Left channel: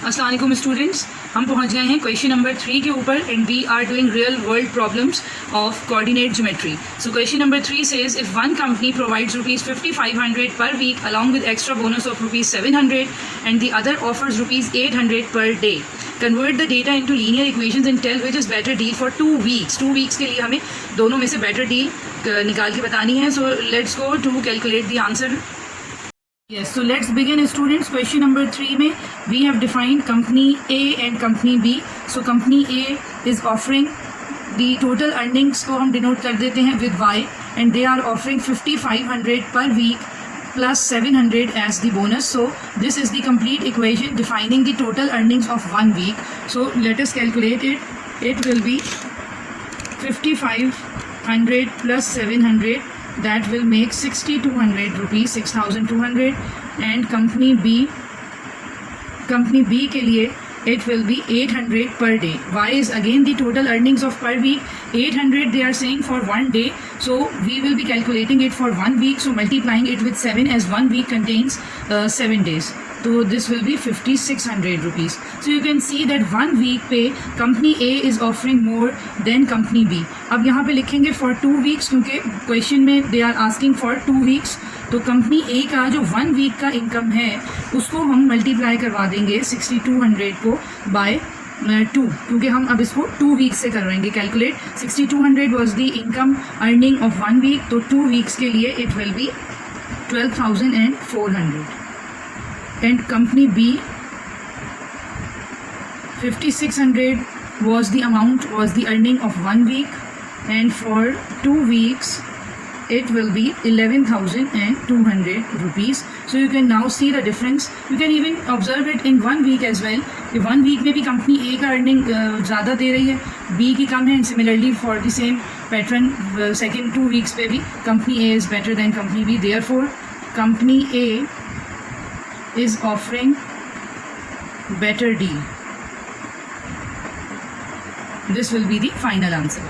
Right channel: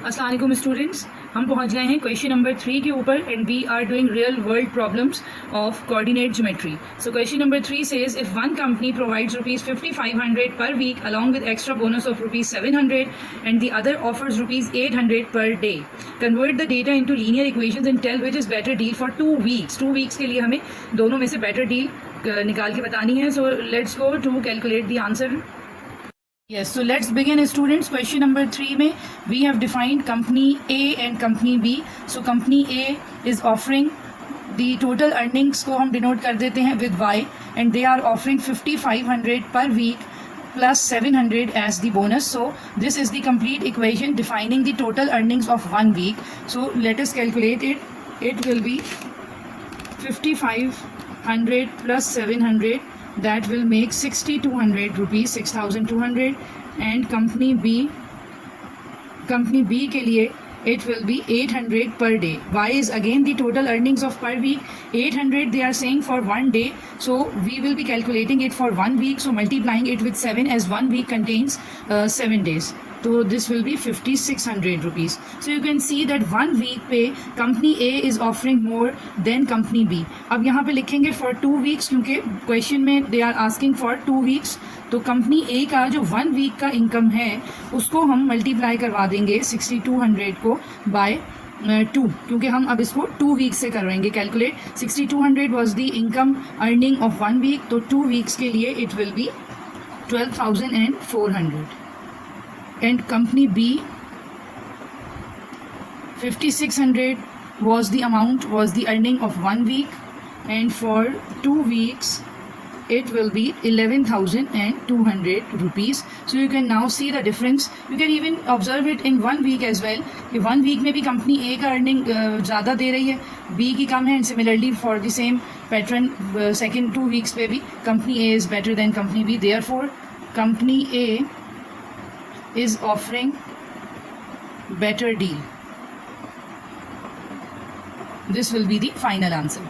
अस्सलाम वालेकुम स्टूडेंट्स, हम पहुंच गए हैं क्वेश्चन नंबर 3 के ऊपर and we are doing real world problems of coordinate geometry. So question number 3 says if one company provides rupees 5500 per week along with extra bonus of rupees 700 and the other offers rupees 800 per day. Convert the data into linear equations and tell which is better deal for 2 weeks. 2 weeks के लिए हमें दोनों में से better deal निकाल के बतानी है. So let's go to calculate the answer. Yes, so let's begin students. Question number 3 में we have defined company A and company B. So company A is offering the total earnings को हम denote कर देते हैं with Y and they are offering 5500 per week plus 700 as the bonus. So this is the complete equation defining the total earnings of 1 week. So let us calculate it. It will be 5500 plus 700. That will make 6200 rupees, 6200. And company B के लिए it will be 800 per day. Y is again the total earnings of per week. 800 they are saying for 1 day, so we will be calculating it for 1 week, so multiplying it with 7 as 1 week contains 7 days. So this will be 5600 rupees. So you can see that 1 week पे company A is offering more than company B. अब यहाँ पे लिखेंगे for 2 weeks क्योंकि question में they are asking for 2 weeks. तो company A का जो 1 वीक का इनकम है उसको हम मल्टीप्लाई करवा देंगे 6200 को बाय 2, क्योंकि हम अब इसको 2 वीक्स से करवाएंगे calculate. 6200 was the income earning of 1 week, तो 2 वीक्स के लिए it will be 12,400. And company B 5600 was the amount, was the earning of 1 week, and for 2 weeks it will be 11,200 rupees. So you can now see the difference. You can even observe it in 1 week as well. 1 week में भी company A का earning ज़्यादा दे रही है, B की कम है. And similarly for the same pattern second 2 weeks पे भी company A is better than company B. Therefore company A is offering better deal. This will be the final answer.